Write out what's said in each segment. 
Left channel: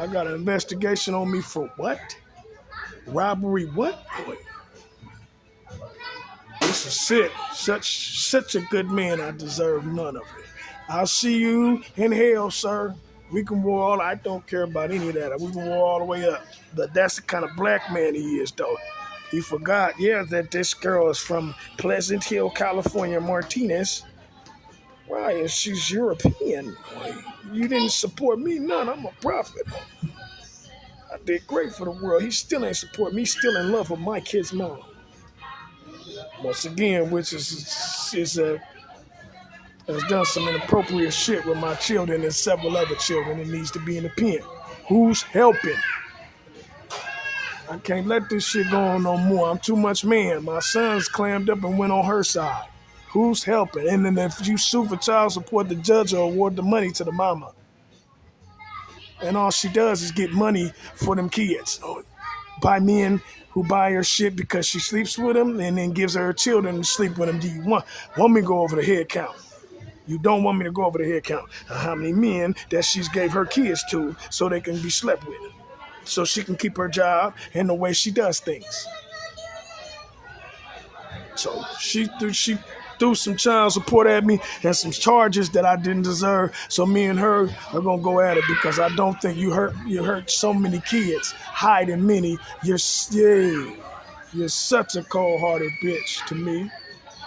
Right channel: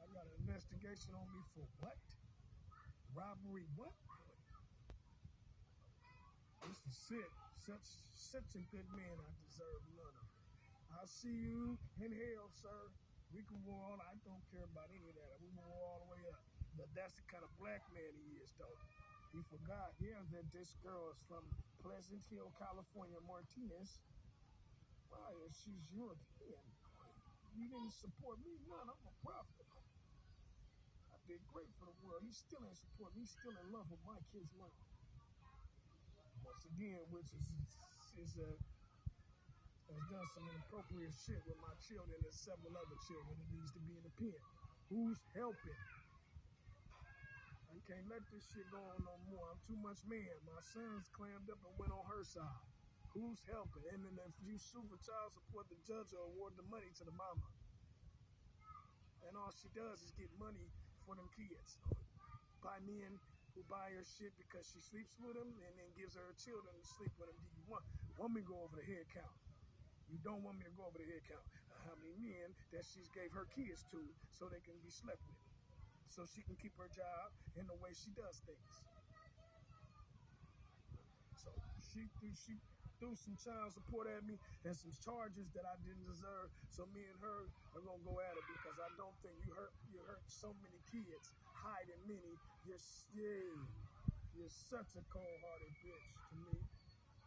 I got an investigation on me for what? Robbery what? Boy, this is sick. Such a good man. I deserve none of it. I'll see you in hell, sir. We can war all. I don't care about any of that. We can war all the way up. But that's the kind of black man he is, though. He forgot, yeah, that this girl is from Pleasant Hill, California, Martinez. Right, and she's European. You didn't support me, none. I'm a prophet. I did great for the world. He still ain't support me. He's still in love with my kid's mom. Once again, which has done some inappropriate shit with my children and several other children and needs to be in the pen. Who's helping? I can't let this shit go on no more. I'm too much man. My son's clammed up and went on her side. Who's helping? And then if you sue for child support, the judge will award the money to the mama. And all she does is get money for them kids. By men who buy her shit because she sleeps with them and then gives her children to sleep with them. Do you want me to go over the head count? You don't want me to go over the head count. How many men that she's gave her kids to so they can be slept with. So she can keep her job and the way she does things. So she threw some child support at me and some charges that I didn't deserve. So me and her are gonna go at it because I don't think you hurt so many kids, hiding many. You're such a cold-hearted bitch to me.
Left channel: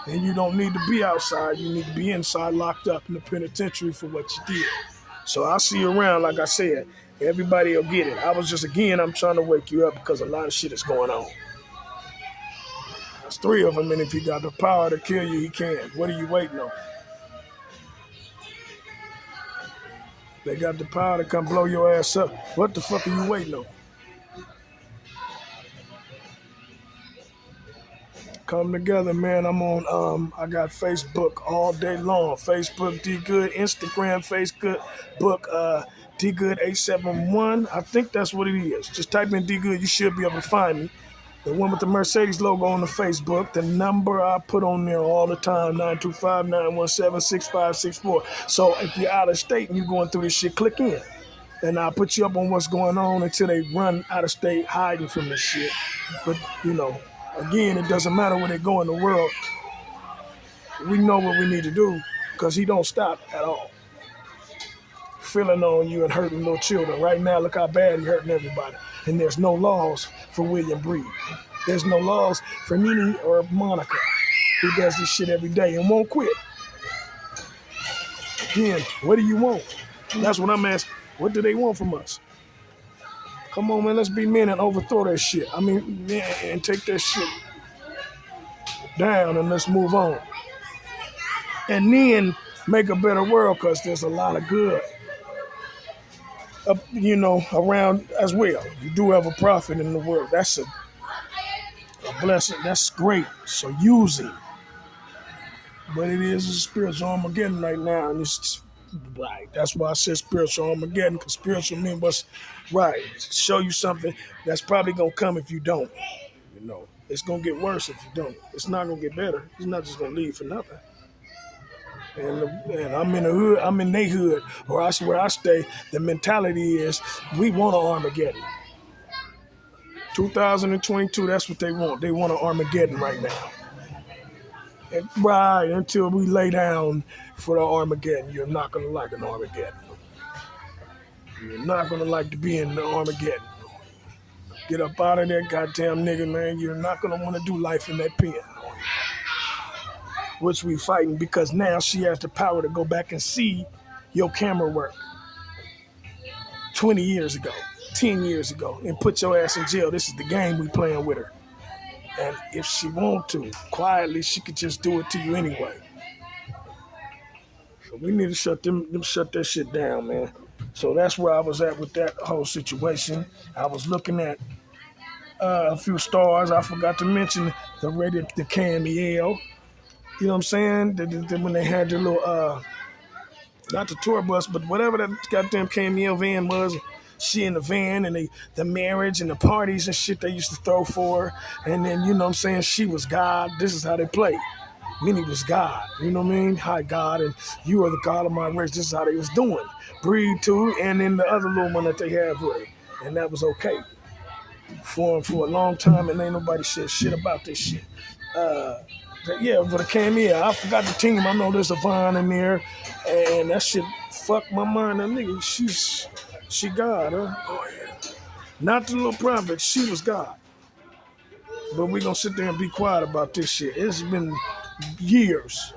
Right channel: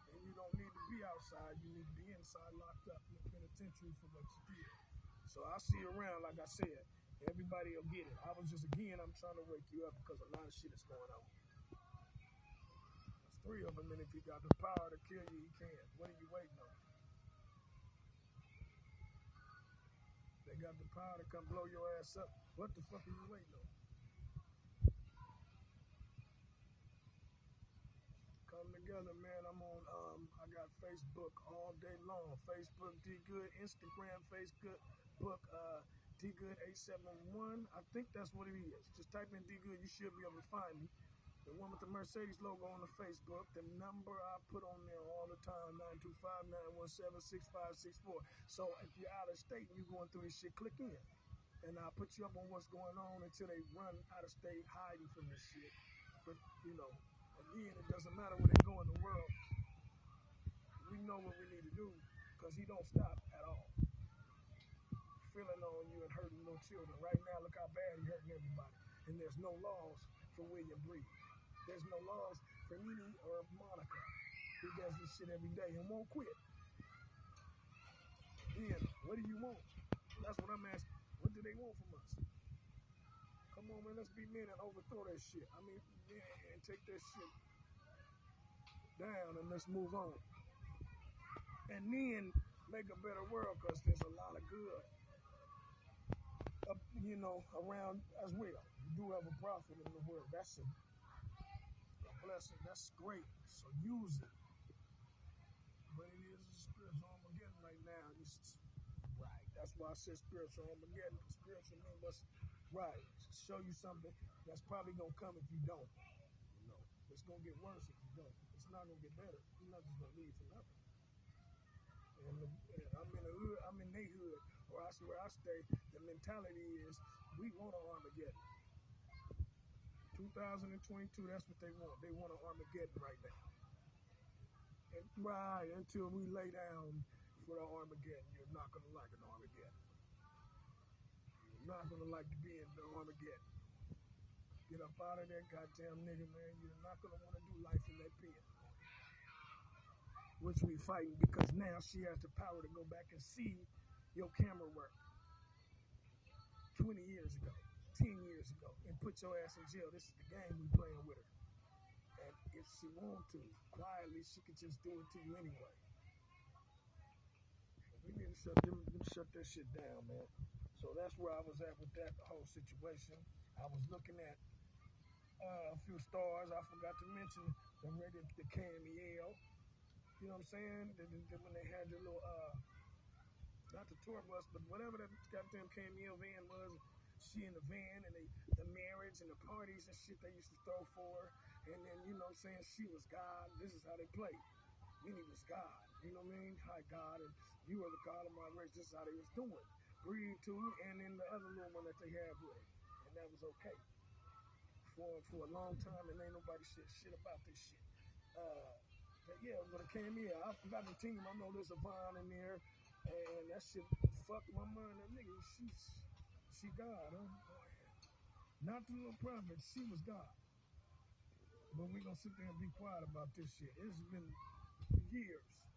And you don't need to be outside. You need to be inside, locked up in the penitentiary for what you did. So I'll see you around, like I said. Everybody will get it. I'm trying to wake you up because a lot of shit is going on. There's 3 of them, and if he got the power to kill you, he can. What are you waiting on? They got the power to come blow your ass up. What the fuck are you waiting on? Come together, man. I'm on, I got Facebook all day long. Facebook, D-Good, Instagram, Facebook, D-Good871. I think that's what it is. Just type in D-Good, you should be able to find me. The one with the Mercedes logo on the Facebook, the number I put on there all the time, 925-917-6564. So if you're out of state and you're going through this shit, click in. And I'll put you up on what's going on until they run out of state hiding from this shit. But, again, it doesn't matter where they go in the world. We know what we need to do because he don't stop at all. Feeling on you and hurting little children. Right now, look how bad he hurting everybody. And there's no laws for William Breed. There's no laws for Nene or Monica, who does this shit every day and won't quit. Again, what do you want? That's what I'm asking. What do they want from us? Come on, man, let's be men and overthrow that shit. And take that shit down and let's move on. And then make a better world because there's a lot of good, around as well. You do have a prophet in the world. That's a blessing. That's great. So use it. But it is a spiritual Armageddon right now. And it's right. That's why I said spiritual Armageddon, because spiritual means what's right. Show you something that's probably going to come if you don't. It's going to get worse if you don't. It's not going to get better. It's not just going to leave for nothing. And I'm in the hood, I'm in their hood, or where I stay, the mentality is we want an Armageddon. 2022, that's what they want. They want an Armageddon right now. And right until we lay down for the Armageddon, you're not going to like an Armageddon. You're not going to like to be in the Armageddon. Get up out of there, goddamn nigga, man. You're not going to want to do life in that pen. Which we fighting because now she has the power to go back and see your camera work 20 years ago, 10 years ago, and put your ass in jail. This is the game we playing with her. And if she want to, quietly, she could just do it to you anyway. So we need to shut that shit down, man. So that's where I was at with that whole situation. I was looking at a few stars. I forgot to mention the Caint U. You know what I'm saying? When they had their little, not the tour bus, but whatever that goddamn Caint U van was, she in the van and the marriage and the parties and shit they used to throw for her. And then, you know what I'm saying, she was God. This is how they play. Minnie was God, you know what I mean? Hi, God, and you are the God of my race. This is how they was doing. Breed too, and then the other little one that they have with her. And that was okay for a long time, and ain't nobody said shit about this shit. Yeah, but it came here. I forgot the team. I know there's a Vine in there, and that shit fucked my mind. That nigga, she God, huh? Oh, yeah. Not the little prophet. She was God. But we gonna sit there and be quiet about this shit. It's been years.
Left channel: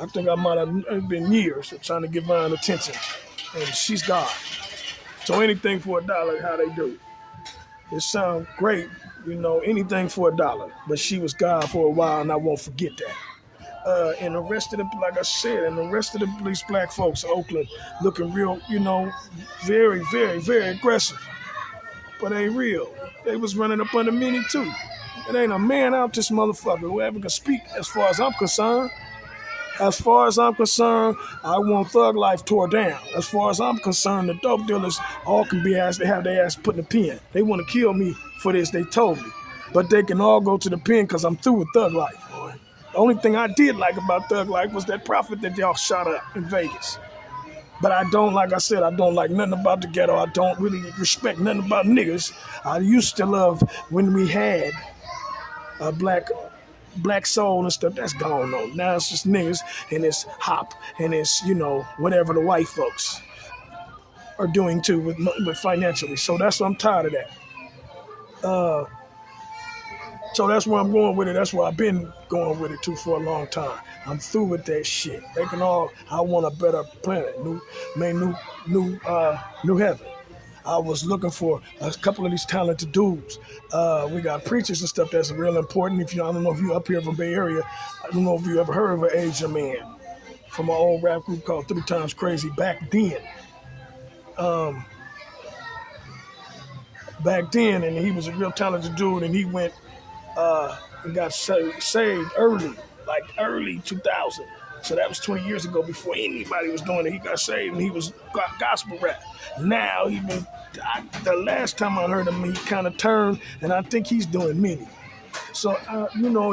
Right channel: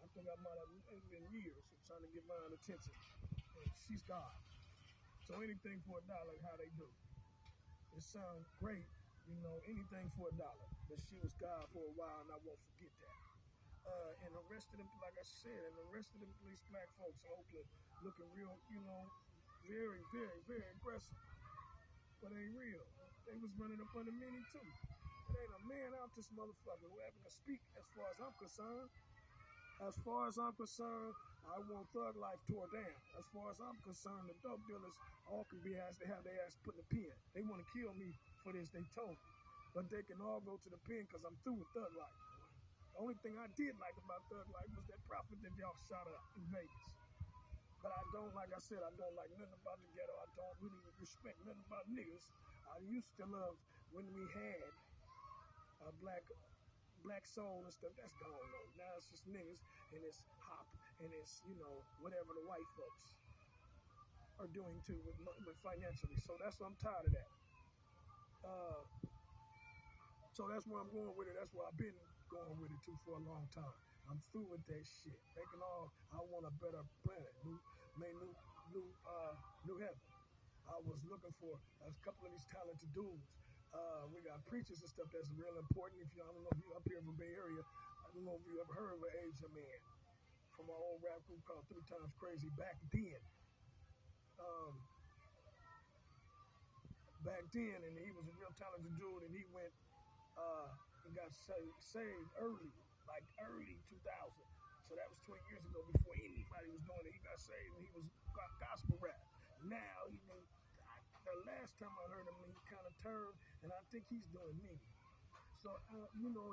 I think I might have it's been years of trying to give Vine attention, and she's God. So anything for $1, how they do. It sounds great, anything for $1. But she was God for a while, and I won't forget that. And the rest of the, like I said, and the rest of these black folks in Oakland looking real, very, very, very aggressive. But ain't real. They was running up under Minnie too. It ain't a man out this motherfucker who ever can speak as far as I'm concerned. As far as I'm concerned, I want thug life tore down. As far as I'm concerned, the dope dealers all can be asked to have their ass put in the pen. They want to kill me for this, they told me. But they can all go to the pen because I'm through with thug life, boy. The only thing I did like about thug life was that profit that y'all shot up in Vegas. But I don't, like I said, I don't like nothing about the ghetto. I don't really respect nothing about niggas. I used to love when we had a black soul and stuff. That's gone on. Now it's just niggas and it's hop and it's, whatever the white folks are doing too with financially. So that's what I'm tired of that. So that's where I'm going with it. That's where I've been going with it too for a long time. I'm through with that shit. They can all. I want a better planet, new heaven. I was looking for a couple of these talented dudes. We got preachers and stuff that's real important. I don't know if you're up here from Bay Area, I don't know if you ever heard of an Asian man from an old rap group called 3 Times Crazy back then. And he was a real talented dude, and he went and got saved early 2000. So that was 20 years ago before anybody was doing it. He got saved and he was gospel rap. Now, the last time I heard him, he kind of turned, and I think he's doing many. So,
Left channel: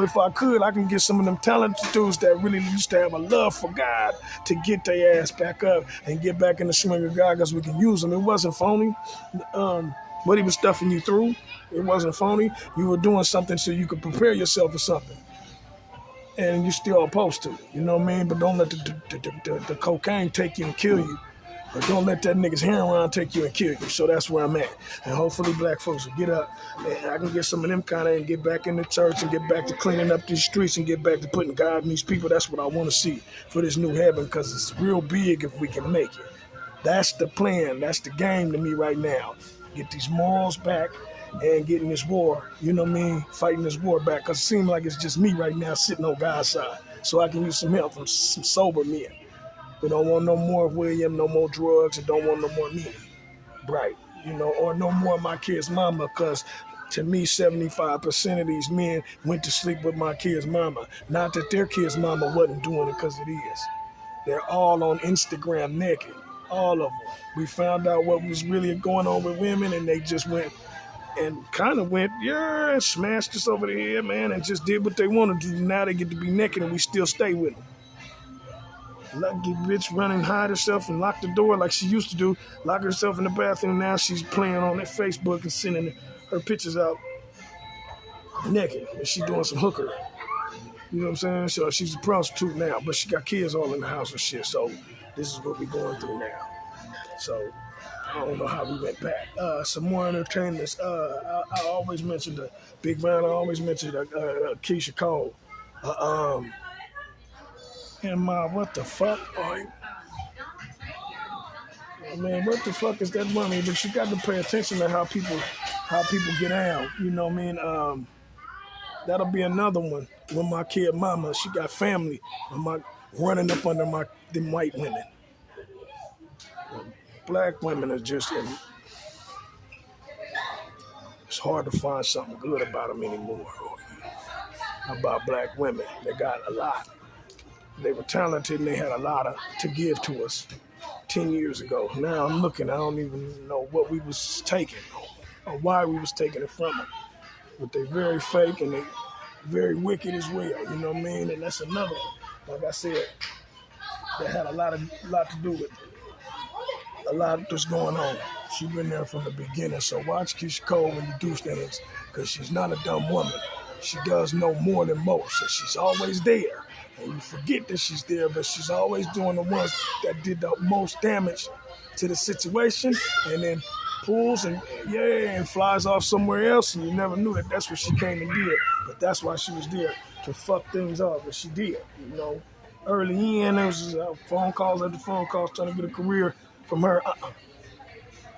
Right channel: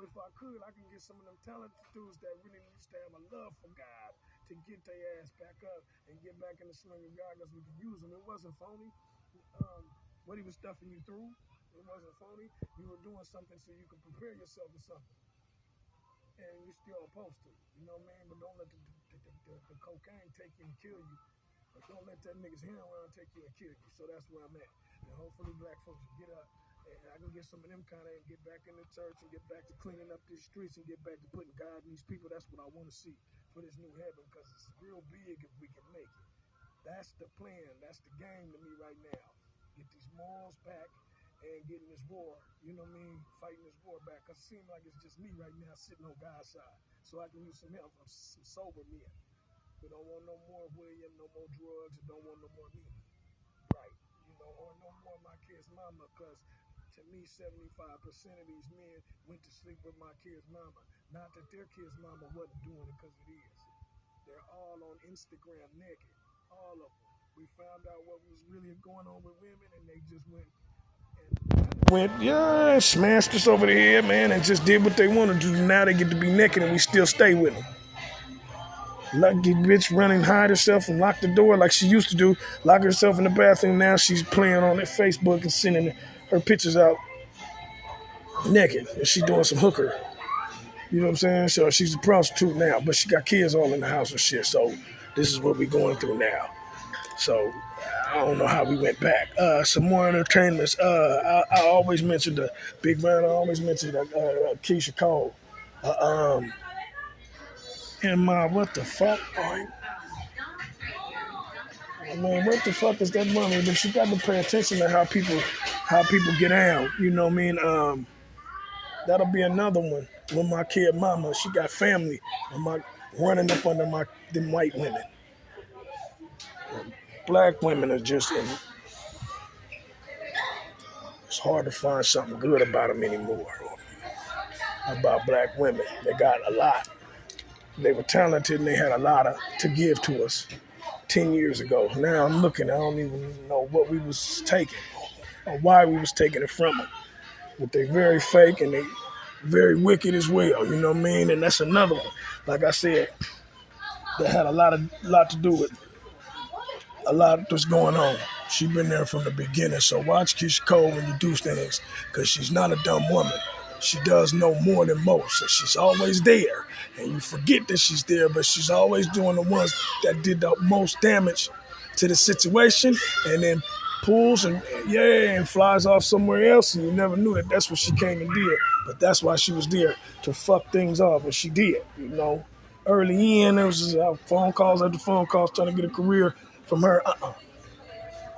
if I could, I can get some of them talented dudes that really used to have a love for God to get their ass back up and get back in the swing of God because we can use them. It wasn't phony. What he was stuffing you through, it wasn't phony. You were doing something so you could prepare yourself for something. And you're still opposed to it, you know what I mean? But don't let the cocaine take you and kill you. Or don't let that nigga's heroin take you and kill you. So that's where I'm at. And hopefully black folks will get up and I can get some of them kind of and get back in the church and get back to cleaning up these streets and get back to putting God in these people. That's what I want to see for this new heaven because it's real big if we can make it. That's the plan. That's the game to me right now. Get these morals back and getting this war, fighting this war back. Because it seems like it's just me right now sitting on God's side. So I can use some help from some sober men. We don't want no more William, no more drugs, and don't want no more me. Right. Or no more my kid's mama, because to me, 75% of these men went to sleep with my kid's mama. Not that their kid's mama wasn't doing it, because it is. They're all on Instagram naked. All of them. We found out what was really going on with women, and they just went and kind of smashed us over the head, man, and just did what they want to do. Now they get to be naked, and we still stay with them. Like the bitch running, hide herself and lock the door like she used to do, lock herself in the bathroom. Now she's playing on that Facebook and sending her pictures out naked, and she doing some hooker. You know what I'm saying? So she's a prostitute now, but she got kids all in the house and shit. So this is what we're going through now. So I don't know how we went back. Some more entertainers. I always mentioned the Big Man. I always mentioned Keisha Cole. And what the fuck? Oh, man, what the fuck is that money? But you got to pay attention to how people get down. You know what I mean? That'll be another one. With my kid mama, she got family. Running up under them white women. Black women are just it's hard to find something good about them anymore. About black women, they got a lot. They were talented and they had a lot to give to us 10 years ago. Now I'm looking, I don't even know what we was taking or why we was taking it from them. But they very fake and very wicked as well, you know what I mean? And that's another one, like I said, that had a lot to do with a lot that's going on. She been there from the beginning. So watch Keisha Cole when you do things, because she's not a dumb woman. She does know more than most, and she's always there. And you forget that she's there, but she's always doing the ones that did the most damage to the situation, and then pulls and flies off somewhere else, and you never knew that that's what she came and did. But that's why she was there, to fuck things off, and she did, you know. Early in, there was phone calls after phone calls trying to get a career from her.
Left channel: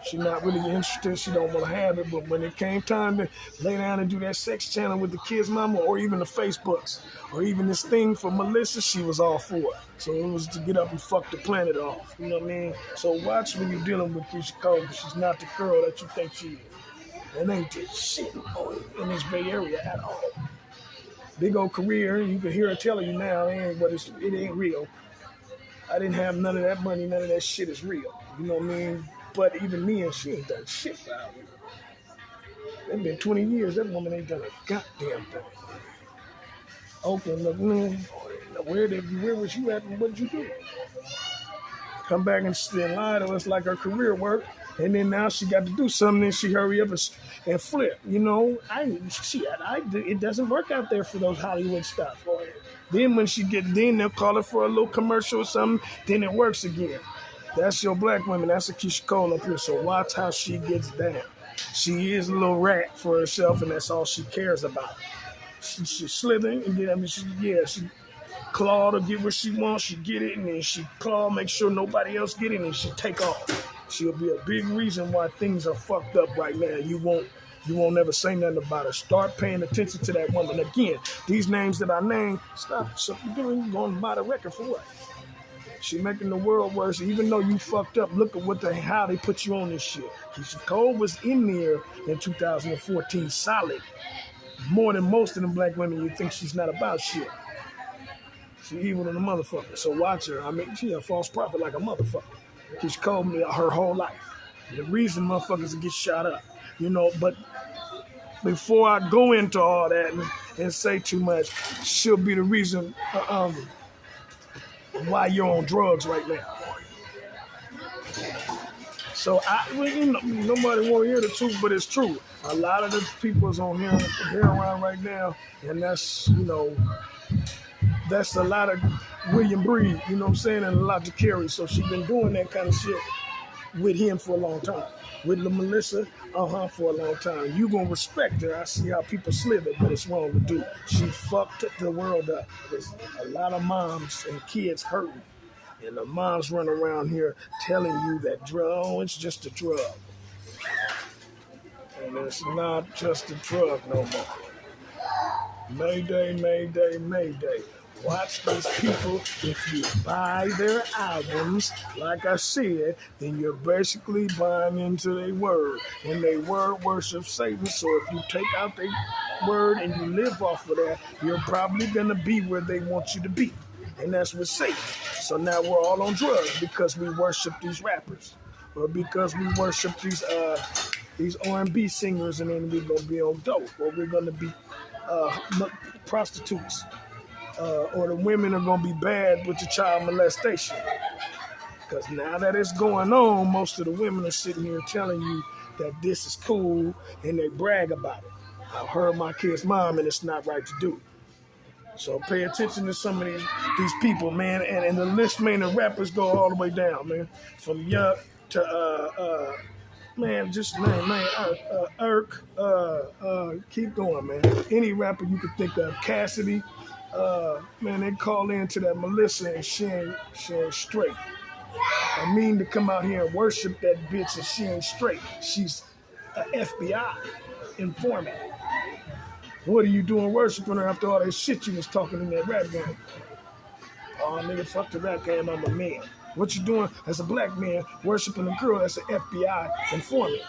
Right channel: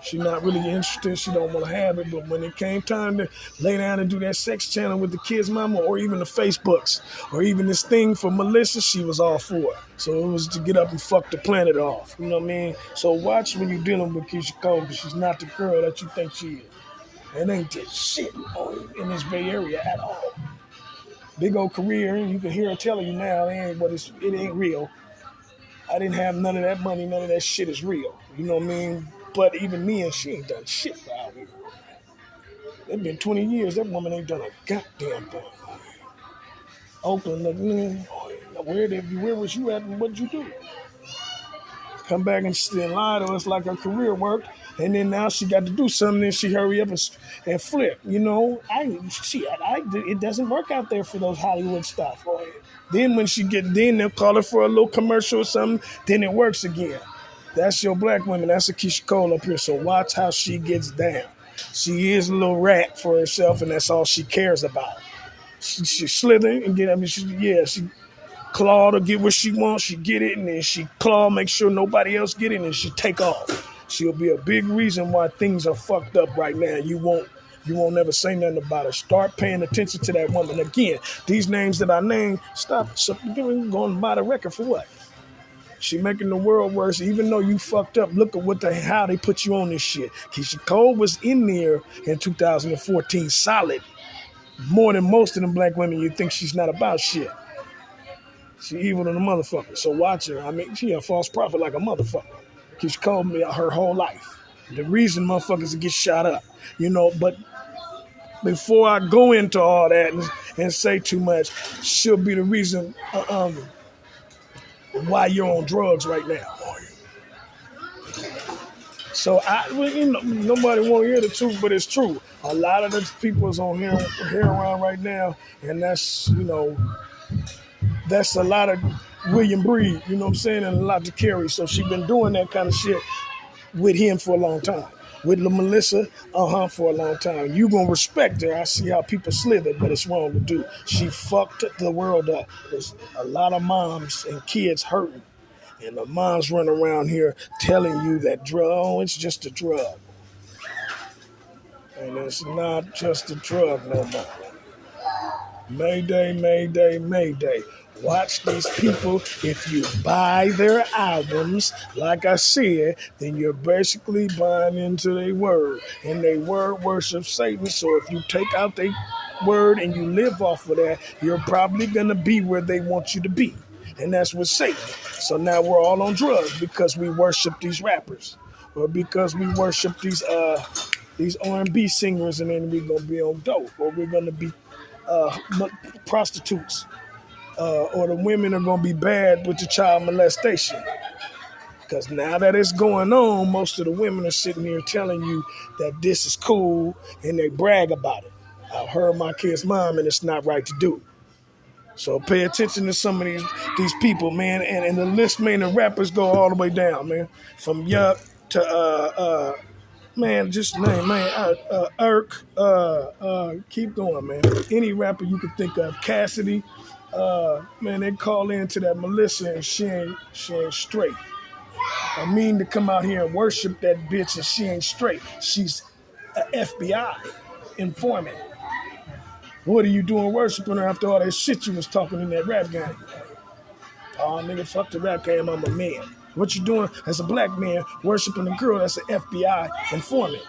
She's not really interested. She don't want to have it. But when it came time to lay down and do that sex channel with the kids' mama, or even the Facebooks, or even this thing for Melissa, she was all for it. So it was to get up and fuck the planet off. You know what I mean? So watch when you're dealing with Keisha Cole, because she's not the girl that you think she is. And ain't just shit in this Bay Area at all. Big old career, and you can hear her telling you now, it ain't real. I didn't have none of that money. None of that shit is real. You know what I mean? But even me, and she ain't done shit for out here. It's been 20 years. That woman ain't done a goddamn thing. Oakland, where was you at and what did you do? Come back and lie to us like her career worked. And then now she got to do something, and she hurry up and flip. You know, it doesn't work out there for those Hollywood stuff. Then when then they'll call her for a little commercial or something, then it works again. That's your black women. That's a Keisha Cole up here. So watch how she gets down. She is a little rat for herself, and that's all she cares about. She slithering and she claw to get what she wants. She get it, and then she claw, make sure nobody else get it, and she take off. She'll be a big reason why things are fucked up right now. You won't ever say nothing about her. Start paying attention to that woman. Again, these names that I named, stop. So you're going to buy the record for what? She making the world worse. Even though you fucked up, look at how they put you on this shit. Keisha Cole was in there in 2014, solid. More than most of them black women, you think she's not about shit. She evil than a motherfucker. So watch her. I mean, she a false prophet like a motherfucker. Keisha Cole me her whole life. The reason motherfuckers get shot up, you know. But before I go into all that and say too much, she'll be the reason why you're on drugs right now. So nobody want to hear the truth, but it's true. A lot of the people is on heroin right now, and that's a lot of William Breed, you know what I'm saying, and a lot to carry. So she been doing that kind of shit with him for a long time. With Melissa, for a long time. You gonna respect her. I see how people slither, but it's wrong to do. She fucked the world up. There's a lot of moms and kids hurting. And the moms run around here telling you that it's just a drug. And it's not just a drug no more. Mayday, mayday, mayday. Watch these people. If you buy their albums, like I said, then you're basically buying into their word. And their word worships Satan. So if you take out their word and you live off of that, you're probably going to be where they want you to be. And that's with Satan. So now we're all on drugs because we worship these rappers. Or because we worship these R&B singers, and then we're going to be on dope. Or we're going to be prostitutes. Or the women are going to be bad with the child molestation. Because now that it's going on, most of the women are sitting here telling you that this is cool, and they brag about it. I've heard my kid's mom, and it's not right to do. So pay attention to some of these people, man. And the list, man, the rappers go all the way down, man. From Yuck to, just name, Irk, keep going, man. Any rapper you could think of. Cassidy, they call into that Melissa, and she ain't straight. I mean to come out here and worship that bitch, and she ain't straight. She's an FBI informant. What are you doing worshiping her after all that shit you was talking in that rap game? Oh, nigga, fuck the rap game, I'm a man. What you doing as a black man worshiping a girl that's an FBI informant?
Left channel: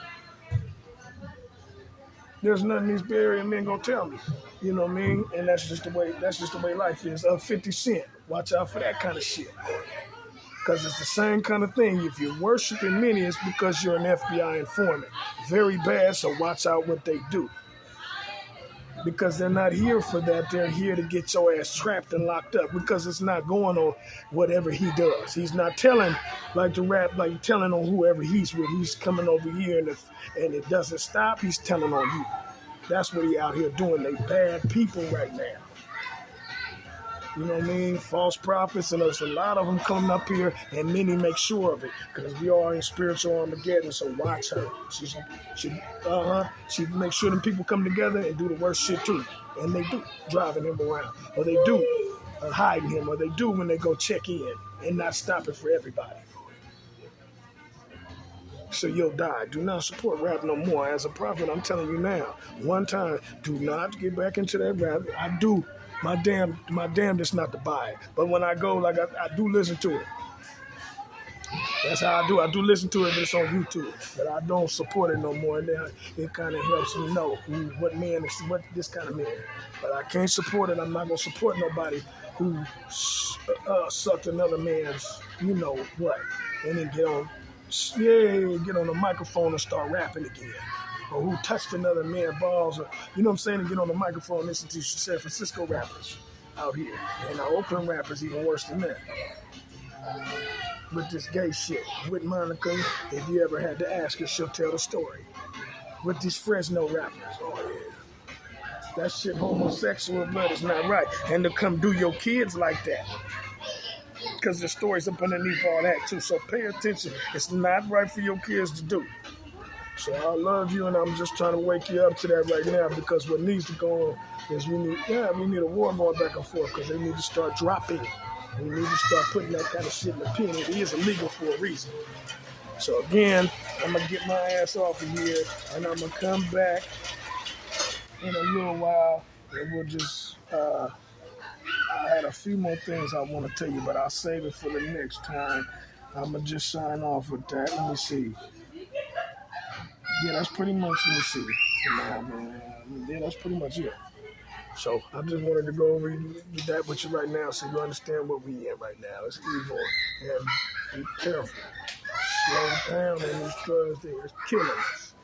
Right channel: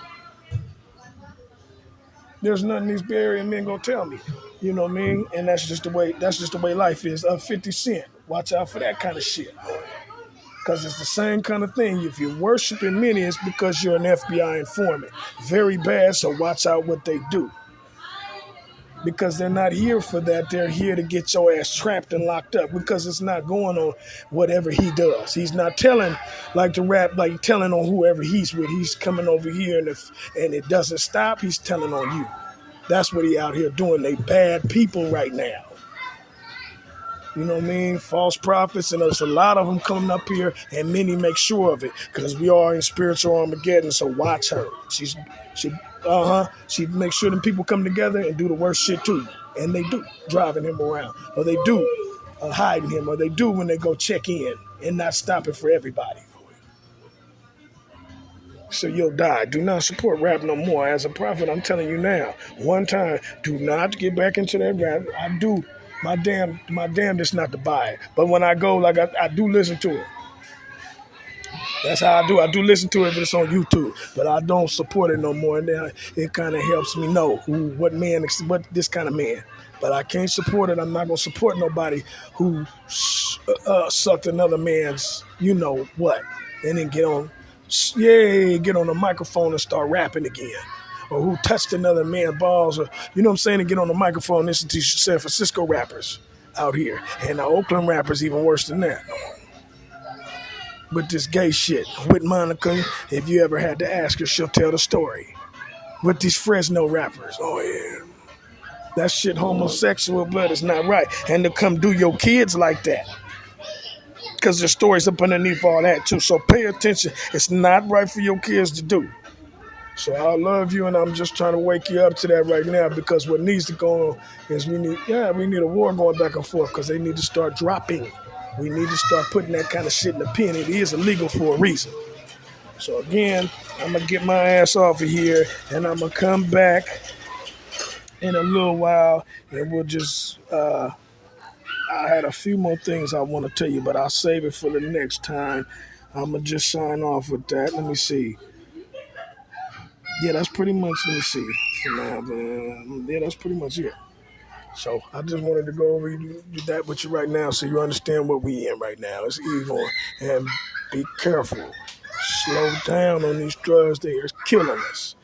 There's nothing these Bay Area men gonna tell me. You know what I mean? And that's just the way life is. 50 Cent. Watch out for that kind of shit. Because it's the same kind of thing. If you're worshiping many, it's because you're an FBI informant. Very bad, so watch out what they do. because they're not here for that. They're here to get your ass trapped and locked up because it's not going on whatever he does. He's not telling like the rap, like telling on whoever he's with. He's coming over here and it doesn't stop. He's telling on you. That's what he out here doing. They bad people right now. You know what I mean? False prophets, and there's a lot of them coming up here, and many make sure of it because we are in spiritual Armageddon. So watch her. She makes sure them people come together and do the worst shit too, and they do, driving him around, or they do hiding him, or they do when they go check in and not stopping for everybody. So you'll die. Do not support rap no more. As a prophet, I'm telling you now. One time, do not get back into that rap. I do. My damnedest not to buy it. But when I go, like I do listen to it. That's how I do. I do listen to it if it's on YouTube, but I don't support it no more. And then it kind of helps me know what this kind of man. But I can't support it. I'm not gonna support nobody who sucked another man's, you know what, and then get on the microphone and start rapping again. Or who touched another man's balls, or you know what I'm saying, and get on the microphone and listen to San Francisco rappers out here. And the Oakland rappers even worse than that. With this gay shit. With Monica, if you ever had to ask her, she'll tell the story. With these Fresno rappers, oh yeah. That shit, homosexual blood is not right. And to come do your kids like that. Because there's stories up underneath all that too. So pay attention. It's not right for your kids to do. So I love you, and I'm just trying to wake you up to that right now, because what needs to go on is we need a war going back and forth, because they need to start dropping. We need to start putting that kind of shit in the pen. It is illegal for a reason. So again, I'm going to get my ass off of here, and I'm going to come back in a little while, and we'll just, I had a few more things I want to tell you, but I'll save it for the next time. I'm going to just sign off with that. Let me see. Yeah, that's pretty much, let me see, for now, man. Yeah, that's pretty much it. So I just wanted to go over that with you right now so you understand what we in right now. It's evil, and be careful. Slow down on these drugs. They are killing us.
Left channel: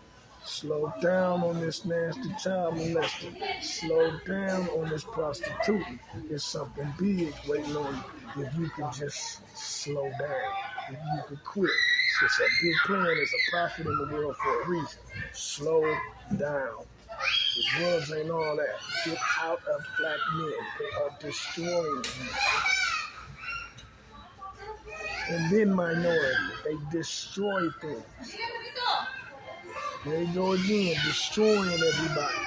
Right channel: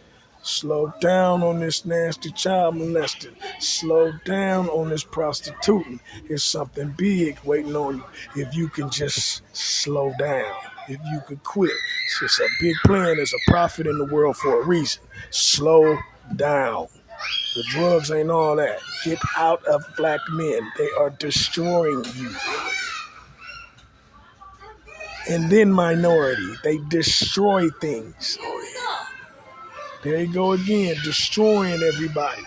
Slow down on this nasty child molesting. Slow down on this prostituting. There's something big waiting on you if you can just slow down. If you could quit. It's a big plan. There's a prophet in the world for a reason. Slow down. The drugs ain't all that. Get out of black men. They are destroying you. And then minority. They destroy things. There you go again, destroying everybody.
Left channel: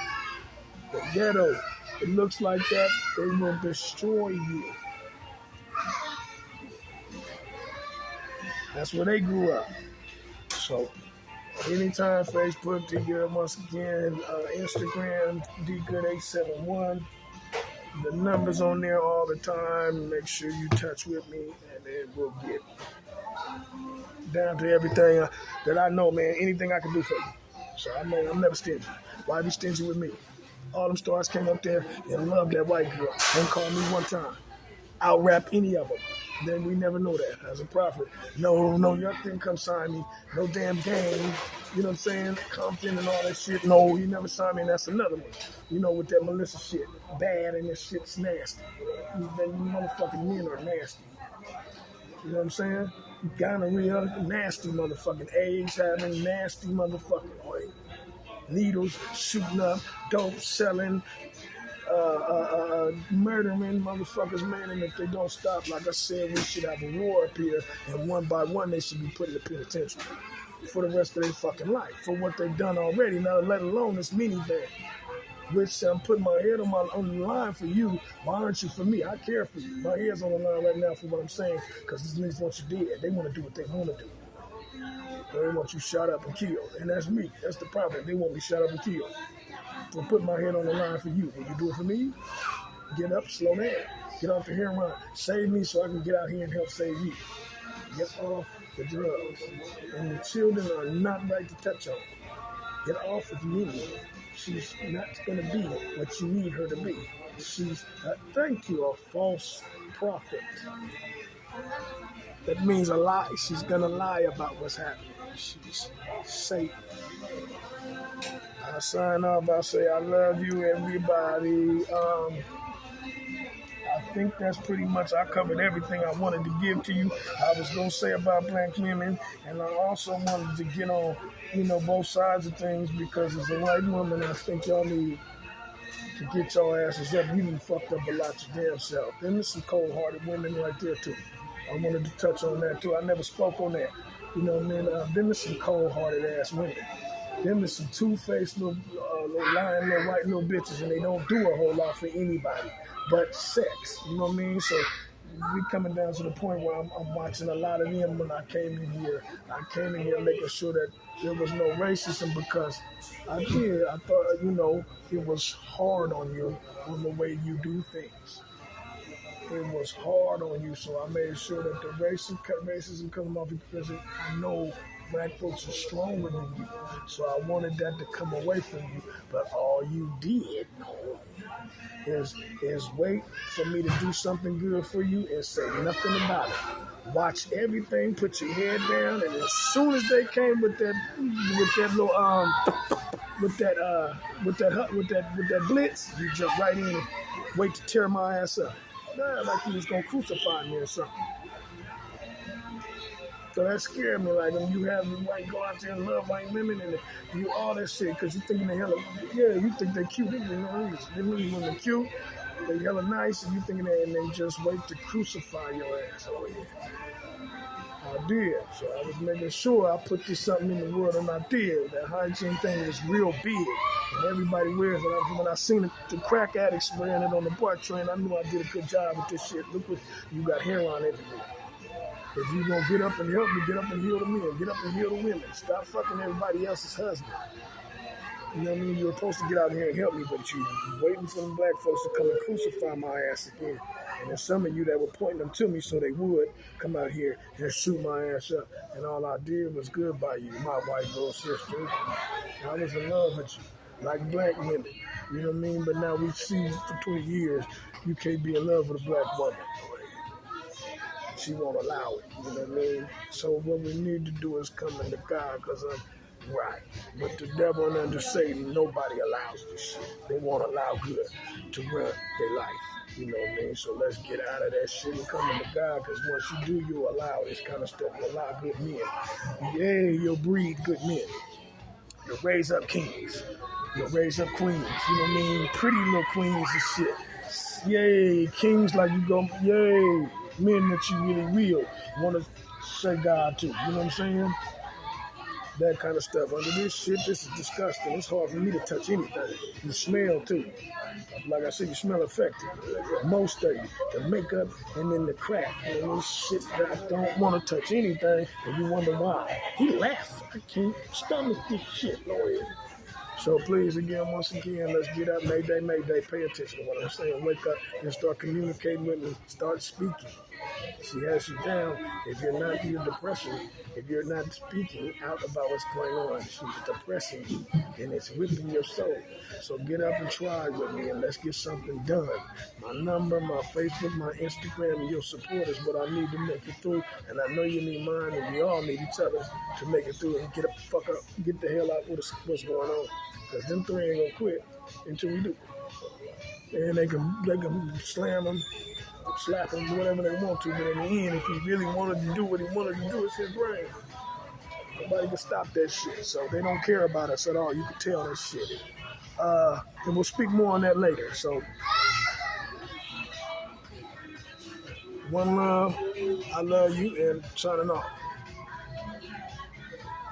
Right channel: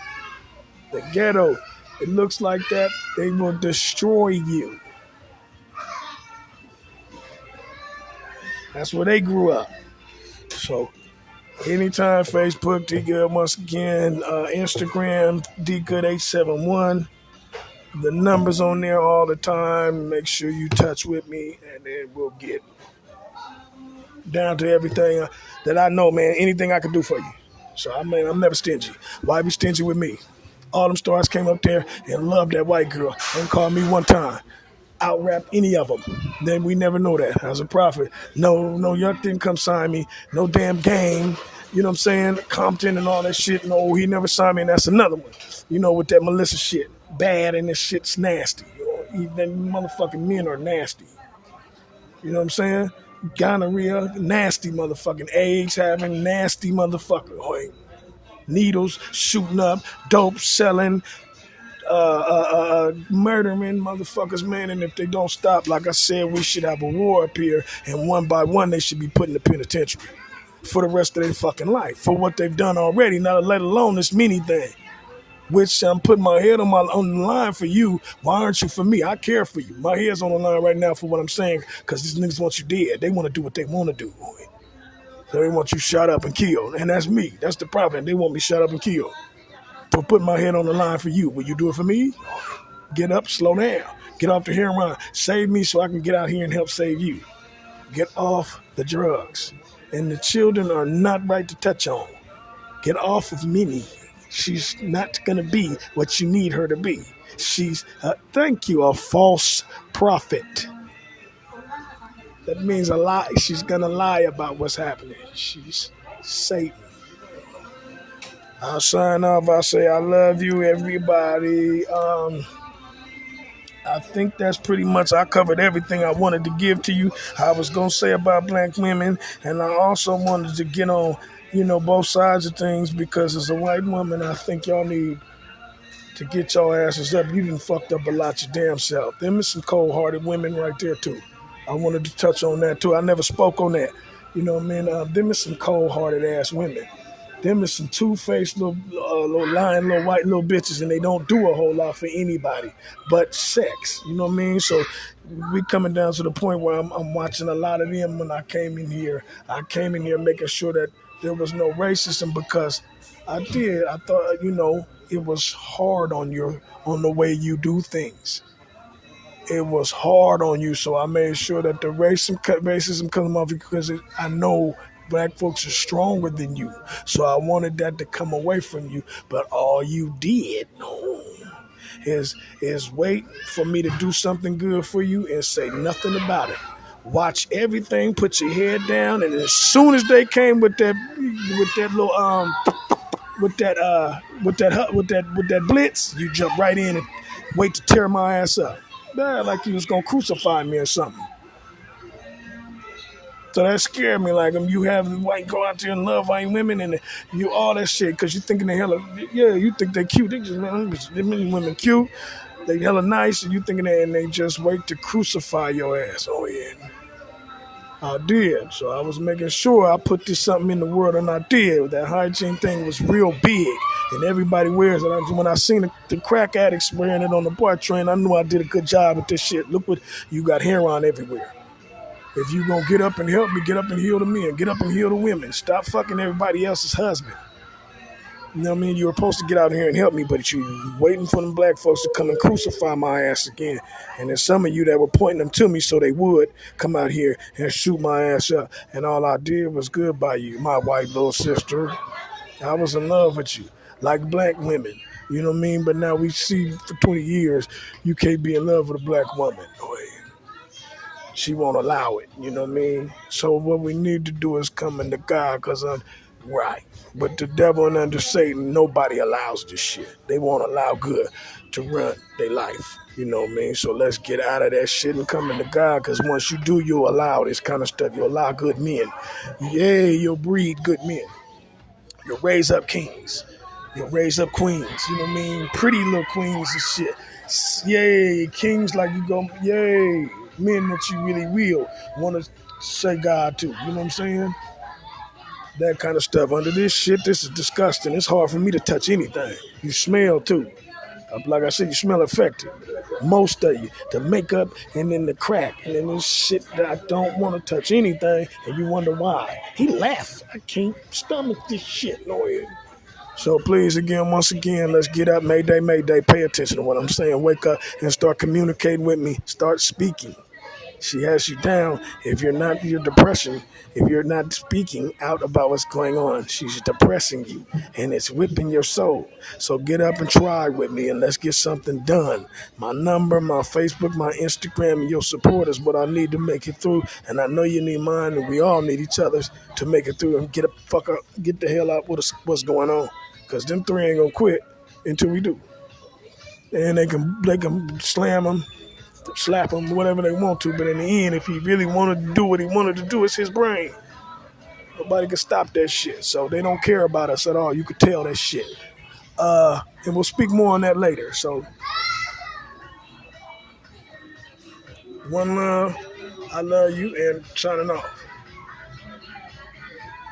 The ghetto, it looks like that. They will destroy you. That's where they grew up. So anytime, Facebook, D-Good, once again, Instagram, D-Good871. The numbers on there all the time. Make sure you touch with me, and then we'll get down to everything that I know, man. Anything I can do for you. So, I mean, I'm never stingy. Why be stingy with me? All them stars came up there and loved that white girl and called me one time. Out-rap any of them. Then we never know that. As a prophet, no, Yuck didn't come sign me. No damn gang. You know what I'm saying? Compton and all that shit. No, he never signed me, and that's another one. You know, with that Melissa shit. Bad, and this shit's nasty. Them motherfucking men are nasty. You know what I'm saying? Gonorrhea, nasty motherfucking AIDS having, nasty motherfucker. Needles shooting up, dope selling, murdering motherfuckers, man. And if they don't stop, like I said, we should have a war up here, and one by one they should be put in the penitentiary for the rest of their fucking life for what they've done already, not let alone this mini thing. Which I'm putting my head on the line for you. Why aren't you for me? I care for you. My head's on the line right now for what I'm saying, because these niggas want you dead. They want to do what they want to do. So they want you shot up and killed. And that's me. That's the problem. They want me shot up and killed. For putting my head on the line for you. Will you do it for me? Get up, slow down. Get off the heroin. Save me so I can get out here and help save you. Get off the drugs. And the children are not right to touch on. Get off of Minnie. She's not going to be what you need her to be. She's, a false prophet. That means a lie. She's going to lie about what's happening. She's Satan. I'll sign off. I say I love you, everybody. I think that's pretty much, I covered everything I wanted to give to you. I was going to say about black women, and I also wanted to get on, both sides of things, because as a white woman, I think y'all need to get your asses up. You done fucked up a lot your damn self. Them is some cold-hearted women right there, too. I wanted to touch on that, too. I never spoke on that. You know what I mean? Them is some cold-hearted ass women. Them is some two-faced little lying little white little bitches, and they don't do a whole lot for anybody but sex. You know what I mean? So we coming down to the point where I'm watching a lot of them. When I came in here making sure that there was no racism, because I thought, it was hard on the way you do things. It was hard on you, so I made sure that the racism comes off, because I know black folks are stronger than you. So I wanted that to come away from you. But all you did is wait for me to do something good for you and say nothing about it. Watch everything, put your head down, and as soon as they came with that little with that blitz, you jump right in and wait to tear my ass up. Yeah, like you was gonna crucify me or something. So that scared me. Like, you have the white go out there and love white women and you all that shit, because you thinking they hella, you think they cute. They women cute. They hella nice, and you thinking that, and they just wait to crucify your ass. Oh yeah, I did. So I was making sure I put this something in the world, and I did. That hygiene thing was real big, and everybody wears it. When I seen the crack addicts wearing it on the BART train, I knew I did a good job with this shit. Look what you got, hair on everywhere. If you gonna get up and help me, get up and heal the men, get up and heal the women. Stop fucking everybody else's husband. You know what I mean? You were supposed to get out here and help me, but you waiting for them black folks to come and crucify my ass again. And there's some of you that were pointing them to me so they would come out here and shoot my ass up. And all I did was good by you, my white little sister. I was in love with you, like black women. You know what I mean? But now we see for 20 years, you can't be in love with a black woman. She won't allow it, you know what I mean? So what we need to do is come into God, because I'm right. But the devil and under Satan, nobody allows this shit. They won't allow good to run their life, you know what I mean? So let's get out of that shit and come into God, because once you do, you'll allow this kind of stuff. You'll allow good men. Yeah, you'll breed good men. You'll raise up kings. You'll raise up queens, you know what I mean? Pretty little queens and shit. Yay, kings like you go, yay. Men that you really will want to say God to. You know what I'm saying? That kind of stuff. Under this shit, this is disgusting. It's hard for me to touch anything. You smell too. Like I said, you smell effective. Most of you. The makeup and then the crack. And then this shit that I don't want to touch anything, and you wonder why. He laughed. I can't stomach this shit, Lord. So please, once again, let's get up. Mayday, mayday. Pay attention to what I'm saying. Wake up and start communicating with me. Start speaking. She has you down. If you're not, your depression, if you're not speaking out about what's going on, she's depressing you, and it's whipping your soul. So get up and try with me, and let's get something done. My number, my Facebook, my Instagram, and your support is what I need to make it through. And I know you need mine, and we all need each other's to make it through and get the hell out what's going on. Because them three ain't gonna quit until we do. And they can slam them, slap him, whatever they want to, but in the end, if he really wanted to do what he wanted to do, it's his brain. Nobody can stop that shit. So they don't care about us at all. You could tell that shit. And we'll speak more on that later. So, one love, I love you, and signing off.